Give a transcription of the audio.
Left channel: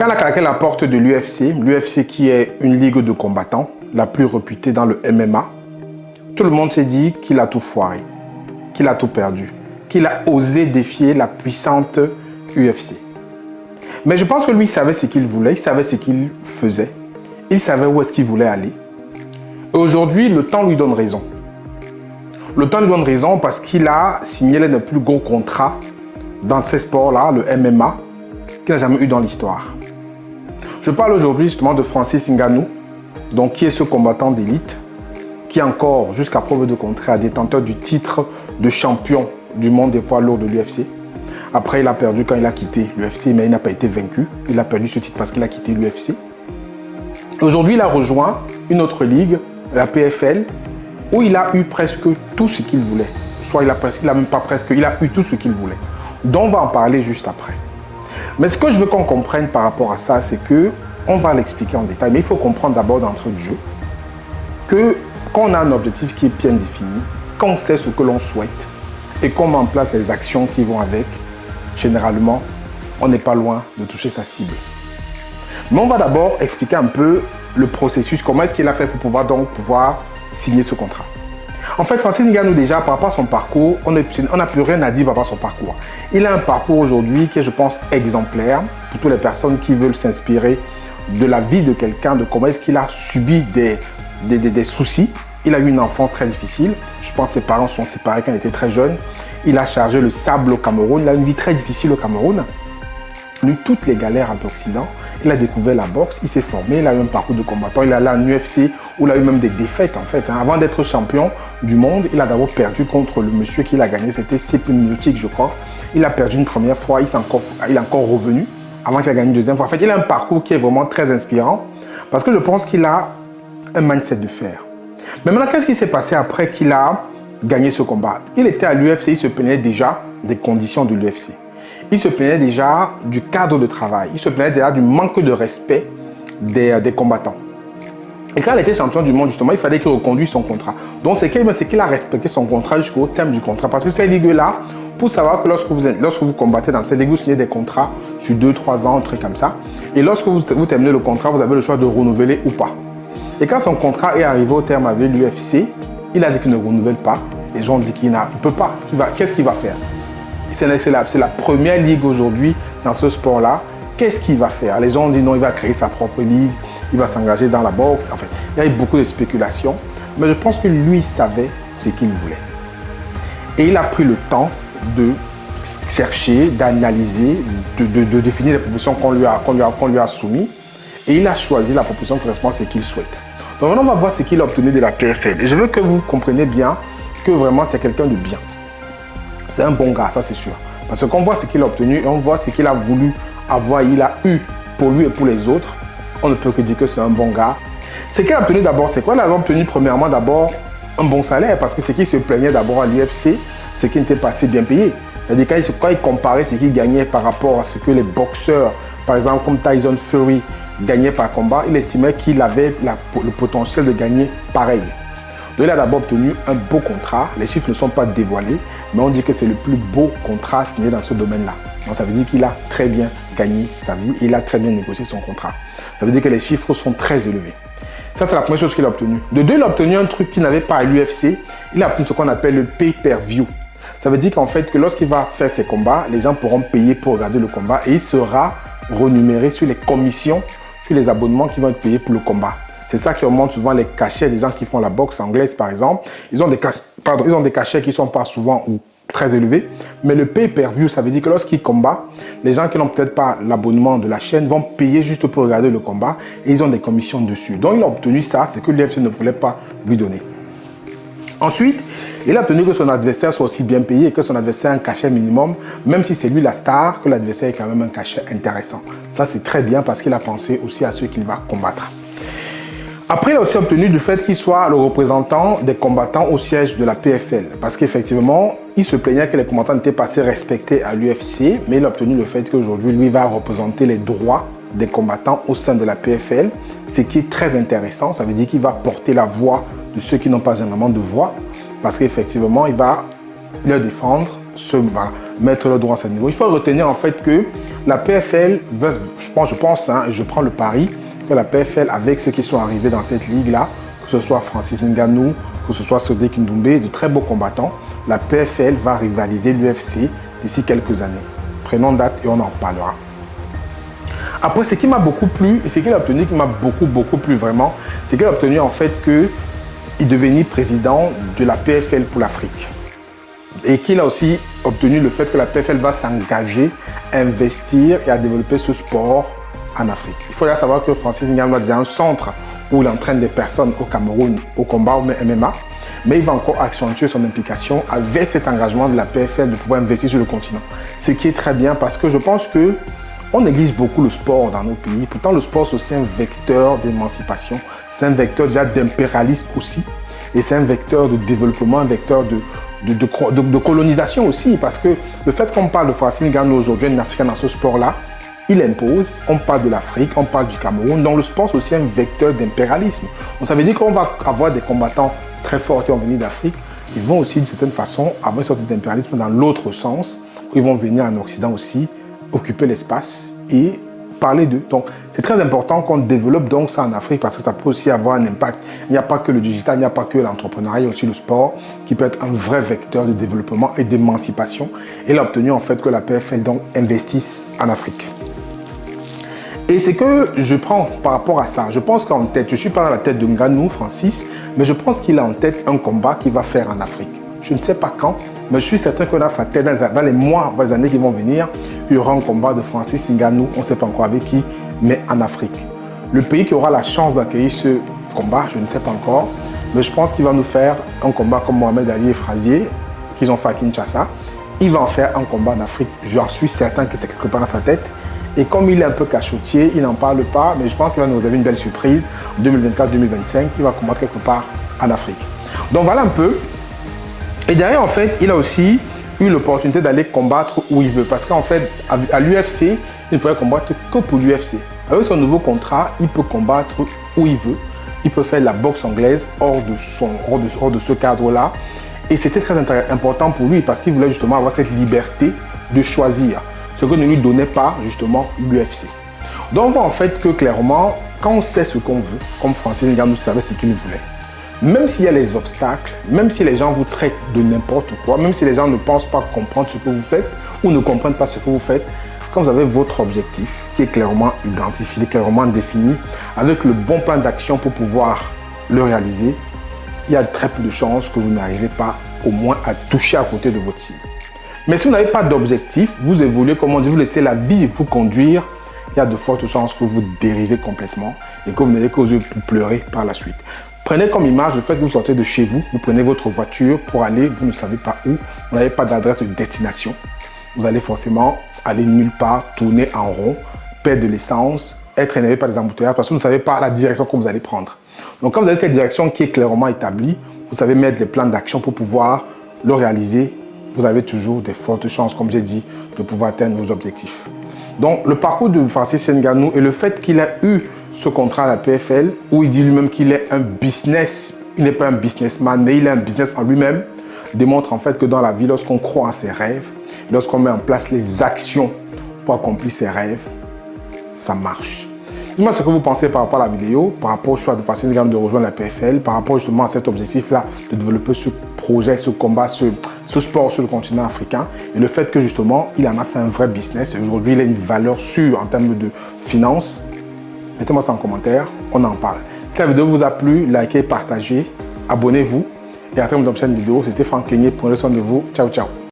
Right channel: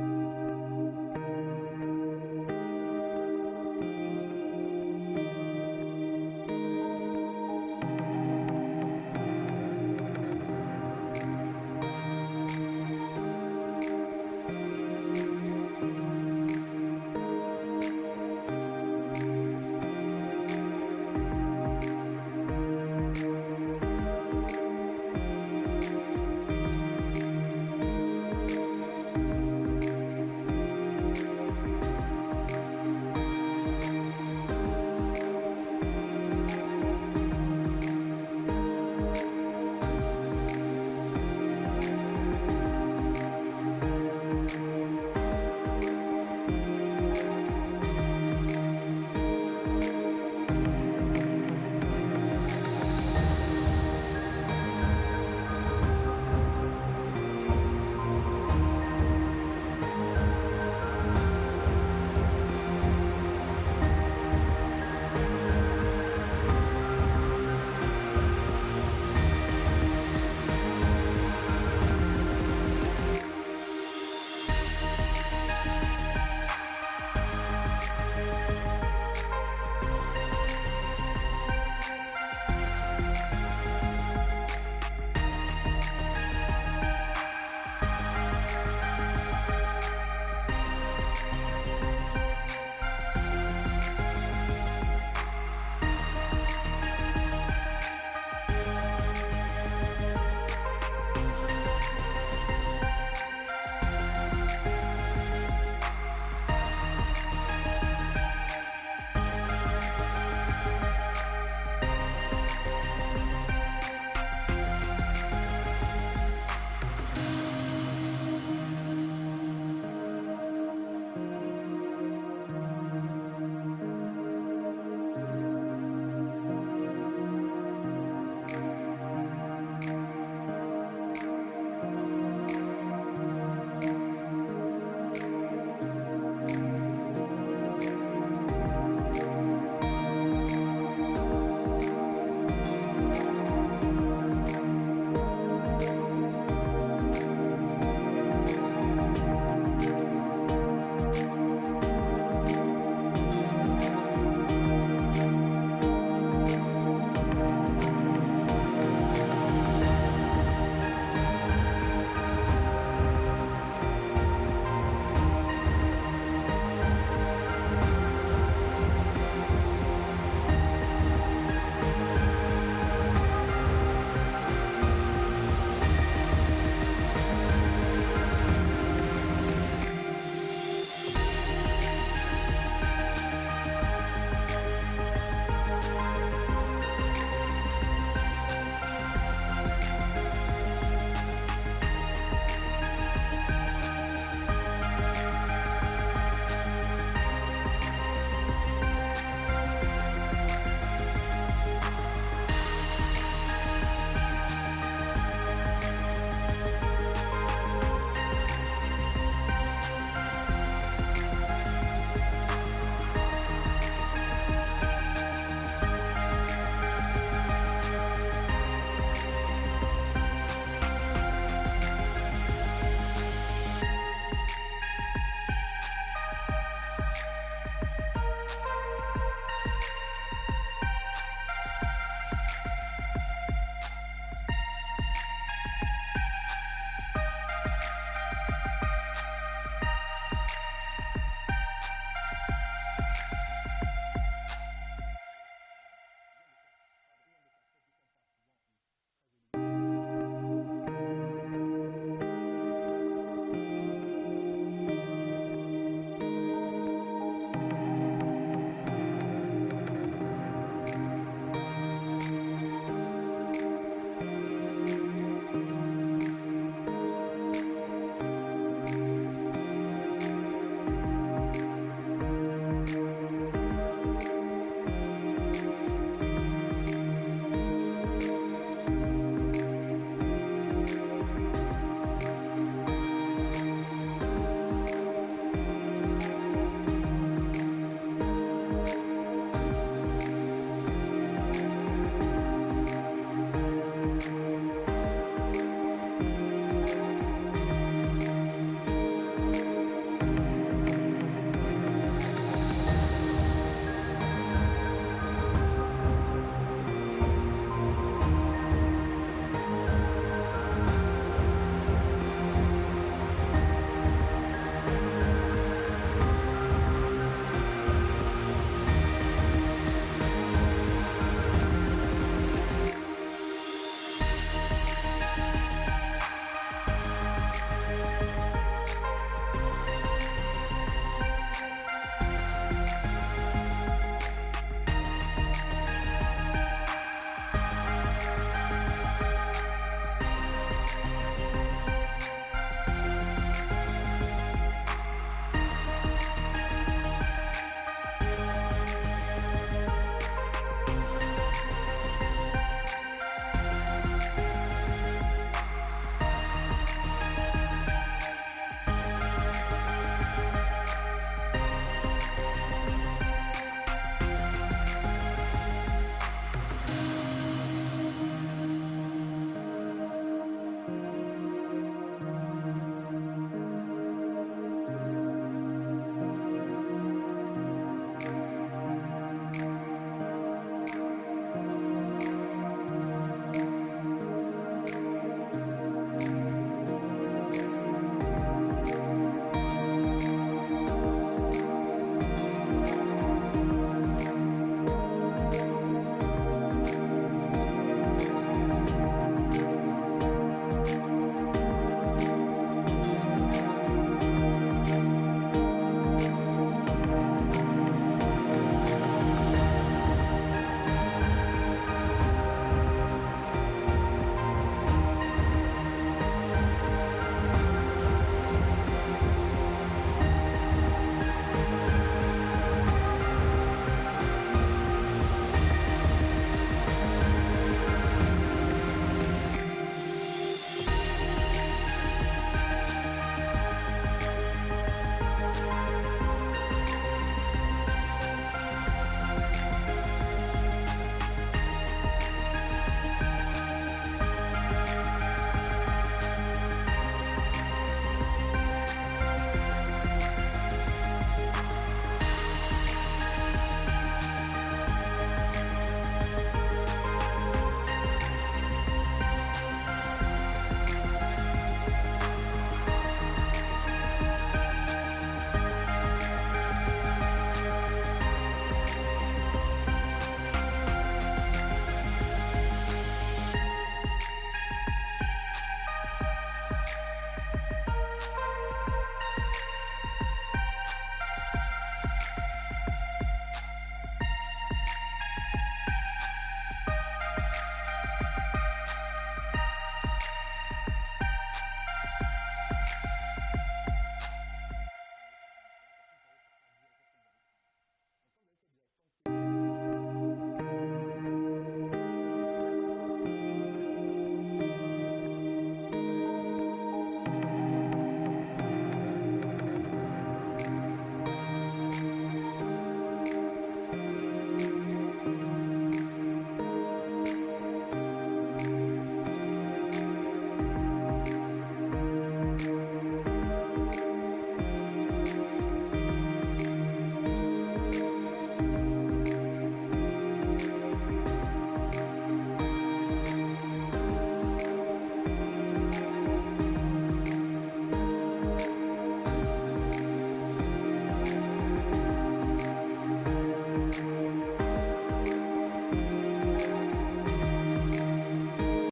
Quand il a claqué la porte de l'UFC qui est une ligue de combattants, la plus réputée dans le MMA, tout le monde s'est dit qu'il a tout foiré, qu'il a tout perdu, qu'il a osé défier la puissante UFC. Mais je pense que lui, il savait ce qu'il voulait, il savait ce qu'il faisait, il savait où est-ce qu'il voulait aller. Et aujourd'hui, le temps lui donne raison. Le temps lui donne raison parce qu'il a signé l'un des plus gros contrats dans ces sports-là, le MMA, qu'il n'a jamais eu dans l'histoire. Je parle aujourd'hui justement de Francis Ngannou, donc qui est ce combattant d'élite, qui est encore, jusqu'à preuve de contraire, détenteur du titre de champion du monde des poids lourds de l'UFC. Après, il a perdu quand il a quitté l'UFC, mais il n'a pas été vaincu. Il a perdu ce titre parce qu'il a quitté l'UFC. Aujourd'hui, il a rejoint une autre ligue, la PFL, où il a eu presque tout ce qu'il voulait. Soit il a eu tout ce qu'il voulait. Donc, on va en parler juste après. Mais ce que je veux qu'on comprenne par rapport à ça, c'est que on va l'expliquer en détail, mais il faut comprendre d'abord d'entrée du jeu que quand on a un objectif qui est bien défini, quand on sait ce que l'on souhaite et qu'on met en place les actions qui vont avec, généralement, on n'est pas loin de toucher sa cible. Mais on va d'abord expliquer un peu le processus, comment est-ce qu'il a fait pour pouvoir signer ce contrat. En fait, Francis Ngannou, déjà, par rapport à son parcours, on n'a plus rien à dire par rapport à son parcours. Il a un parcours aujourd'hui qui est, je pense, exemplaire pour toutes les personnes qui veulent s'inspirer de la vie de quelqu'un, de comment est-ce qu'il a subi des soucis. Il a eu une enfance très difficile. Je pense que ses parents sont séparés quand il était très jeune. Il a chargé le sable au Cameroun. Il a une vie très difficile au Cameroun. Il a eu toutes les galères d'Occident. Il a découvert la boxe, il s'est formé, il a eu un parcours de combattant. Il est allé en UFC où il a eu même des défaites en fait. Avant d'être champion du monde, il a d'abord perdu contre le monsieur qu'il a gagné. C'était Stipe Miocic, je crois. Il a perdu une première fois, il est encore revenu avant qu'il ait gagné une deuxième fois. En fait, il a un parcours qui est vraiment très inspirant parce que je pense qu'il a un mindset de fer. Mais maintenant, qu'est-ce qui s'est passé après qu'il a gagné ce combat? Il était à l'UFC, il se plaignait déjà des conditions de l'UFC. Il se plaignait déjà du cadre de travail. Il se plaignait déjà du manque de respect des combattants. Et quand il était champion du monde, justement, il fallait qu'il reconduise son contrat. Donc, c'est qu'il a respecté son contrat jusqu'au terme du contrat. Parce que ces ligues-là, pour savoir que lorsque vous combattez dans ces ligues, vous signez des contrats sur 2-3 ans, un truc comme ça. Et lorsque vous terminez le contrat, vous avez le choix de renouveler ou pas. Et quand son contrat est arrivé au terme avec l'UFC, il a dit qu'il ne renouvelle pas. Les gens ont dit qu'il ne peut pas. Qu'est-ce qu'il va faire? C'est la première ligue aujourd'hui dans ce sport-là. Qu'est-ce qu'il va faire? Les gens ont dit non, il va créer sa propre ligue, il va s'engager dans la boxe. En fait, il y a eu beaucoup de spéculations, mais je pense que lui savait ce qu'il voulait. Et il a pris le temps de chercher, d'analyser, de définir les propositions qu'on lui a soumises. Et il a choisi la proposition qui correspond à ce qu'il souhaite. Donc maintenant, on va voir ce qu'il a obtenu de la PFL. Et je veux que vous compreniez bien que vraiment c'est quelqu'un de bien. C'est un bon gars, ça c'est sûr. Parce qu'on voit ce qu'il a obtenu et on voit ce qu'il a voulu avoir, il a eu pour lui et pour les autres. On ne peut que dire que c'est un bon gars. Ce qu'il a obtenu d'abord, c'est quoi? Il a obtenu premièrement d'abord un bon salaire parce que ce qui se plaignait d'abord à l'UFC, c'est qu'il n'était pas assez bien payé. C'est-à-dire quand il comparait ce qu'il gagnait par rapport à ce que les boxeurs, par exemple comme Tyson Fury, gagnaient par combat, il estimait qu'il avait le potentiel de gagner pareil. Donc il a d'abord obtenu un beau contrat. Les chiffres ne sont pas dévoilés, mais on dit que c'est le plus beau contrat signé dans ce domaine-là. Donc ça veut dire qu'il a très bien gagné sa vie et il a très bien négocié son contrat. Ça veut dire que les chiffres sont très élevés. Ça, c'est la première chose qu'il a obtenue. De deux, il a obtenu un truc qu'il n'avait pas à l'UFC. Il a obtenu ce qu'on appelle le pay-per-view. Ça veut dire qu'en fait, que lorsqu'il va faire ses combats, les gens pourront payer pour regarder le combat et il sera rémunéré sur les commissions, sur les abonnements qui vont être payés pour le combat. C'est ça qui augmente souvent les cachets des gens qui font la boxe anglaise, par exemple. Ils ont des cachets qui ne sont pas souvent ou très élevés. Mais le pay-per-view, ça veut dire que lorsqu'ils combattent, les gens qui n'ont peut-être pas l'abonnement de la chaîne vont payer juste pour regarder le combat et ils ont des commissions dessus. Donc, il a obtenu ça, c'est que l'UFC ne voulait pas lui donner. Ensuite, il a obtenu que son adversaire soit aussi bien payé et que son adversaire ait un cachet minimum, même si c'est lui la star, que l'adversaire ait quand même un cachet intéressant. Ça, c'est très bien parce qu'il a pensé aussi à ceux qu'il va combattre. Après, il a aussi obtenu du fait qu'il soit le représentant des combattants au siège de la PFL. Parce qu'effectivement, il se plaignait que les combattants n'étaient pas assez respectés à l'UFC, mais il a obtenu le fait qu'aujourd'hui, lui va représenter les droits des combattants au sein de la PFL, ce qui est très intéressant. Ça veut dire qu'il va porter la voix de ceux qui n'ont pas généralement de voix, parce qu'effectivement, il va leur défendre mettre le droit à ce niveau. Il faut retenir en fait que la PFL, je pense, et je prends le pari, que la PFL, avec ceux qui sont arrivés dans cette ligue-là, que ce soit Francis Ngannou, que ce soit Sodé Kindoumbe, de très beaux combattants, la PFL va rivaliser l'UFC d'ici quelques années. Prenons date et on en reparlera. Après, ce qui m'a beaucoup plu, et ce qu'il a obtenu qui m'a beaucoup plu vraiment, c'est qu'il a obtenu en fait qu'il devenait président de la PFL pour l'Afrique. Et qu'il a aussi obtenu le fait que la PFL va s'engager à investir et à développer ce sport en Afrique. Il faut savoir que Francis Ngannou a déjà un centre où il entraîne des personnes au Cameroun au combat au MMA, mais il va encore accentuer son implication avec cet engagement de la PFL de pouvoir investir sur le continent. Ce qui est très bien parce que je pense que on néglige beaucoup le sport dans nos pays. Pourtant, le sport, c'est aussi un vecteur d'émancipation. C'est un vecteur déjà d'impérialisme aussi. Et c'est un vecteur de développement, un vecteur de colonisation aussi. Parce que le fait qu'on parle de Francis Ngannou aujourd'hui, un Africain dans ce sport-là, il impose. On parle de l'Afrique, on parle du Cameroun. Donc le sport, c'est aussi un vecteur d'impérialisme. Donc ça veut dire qu'on va avoir des combattants très forts qui vont venir d'Afrique. Ils vont aussi, d'une certaine façon, avoir une sorte d'impérialisme dans l'autre sens. Où ils vont venir en Occident aussi, occuper l'espace et parler d'eux. Donc, c'est très important qu'on développe donc ça en Afrique parce que ça peut aussi avoir un impact. Il n'y a pas que le digital, il n'y a pas que l'entrepreneuriat, il y a aussi le sport qui peut être un vrai vecteur de développement et d'émancipation. Et il a obtenu en fait que la PFL donc investisse en Afrique. Et c'est que je prends par rapport à ça, je pense qu'en tête, je ne suis pas dans la tête de Ngannou, Francis, mais je pense qu'il a en tête un combat qu'il va faire en Afrique. Je ne sais pas quand, mais je suis certain que dans sa tête, dans les mois, dans les années qui vont venir, il y aura un combat de Francis Ngannou, on ne sait pas encore avec qui, mais en Afrique. Le pays qui aura la chance d'accueillir ce combat, je ne sais pas encore, mais je pense qu'il va nous faire un combat comme Mohamed Ali et Frazier, qu'ils ont fait à Kinshasa. Il va en faire un combat en Afrique. J'en suis certain que c'est quelque part dans sa tête. Et comme il est un peu cachotier, il n'en parle pas, mais je pense qu'il va nous réserver une belle surprise. En 2024-2025, il va combattre quelque part en Afrique. Donc voilà un peu. Et derrière, en fait, il a aussi eu l'opportunité d'aller combattre où il veut. Parce qu'en fait, à l'UFC, il ne pouvait combattre que pour l'UFC. Avec son nouveau contrat, il peut combattre où il veut. Il peut faire la boxe anglaise hors de ce cadre-là. Et c'était très important pour lui parce qu'il voulait justement avoir cette liberté de choisir. Ce que ne lui donnait pas justement l'UFC. Donc on voit en fait que clairement, quand on sait ce qu'on veut, comme Francis Ngannou savait ce qu'il voulait, même s'il y a les obstacles, même si les gens vous traitent de n'importe quoi, même si les gens ne pensent pas comprendre ce que vous faites ou ne comprennent pas ce que vous faites, quand vous avez votre objectif qui est clairement identifié, clairement défini, avec le bon plan d'action pour pouvoir le réaliser, il y a très peu de chances que vous n'arrivez pas au moins à toucher à côté de votre cible. Mais si vous n'avez pas d'objectif, vous évoluez, comme on dit, vous laissez la vie vous conduire, il y a de fortes chances que vous dérivez complètement et que vous n'ayez qu'aux yeux pour pleurer par la suite. Prenez comme image le fait que vous sortez de chez vous, vous prenez votre voiture pour aller, vous ne savez pas où, vous n'avez pas d'adresse de destination. Vous allez forcément aller nulle part, tourner en rond, perdre de l'essence, être énervé par les embouteillages parce que vous ne savez pas la direction que vous allez prendre. Donc quand vous avez cette direction qui est clairement établie, vous savez mettre les plans d'action pour pouvoir le réaliser. Vous avez toujours des fortes chances, comme j'ai dit, de pouvoir atteindre vos objectifs. Donc le parcours de Francis Ngannou et le fait qu'il a eu ce contrat à la PFL, où il dit lui-même qu'il est un business, il n'est pas un businessman, mais il est un business en lui-même, démontre en fait que dans la vie, lorsqu'on croit en ses rêves, lorsqu'on met en place les actions pour accomplir ses rêves, ça marche. Dites-moi ce que vous pensez par rapport à la vidéo, par rapport au choix de Francis Ngannou de rejoindre la PFL, par rapport justement à cet objectif-là de développer ce projet, ce combat, ce sport sur le continent africain et le fait que justement, il en a fait un vrai business et aujourd'hui, il a une valeur sûre en termes de finances. Mettez-moi ça en commentaire, on en parle. Si la vidéo vous a plu, likez, partagez, abonnez-vous et à la fin de cette vidéo, c'était Franck Cligné, prenez soin de vous, ciao ciao.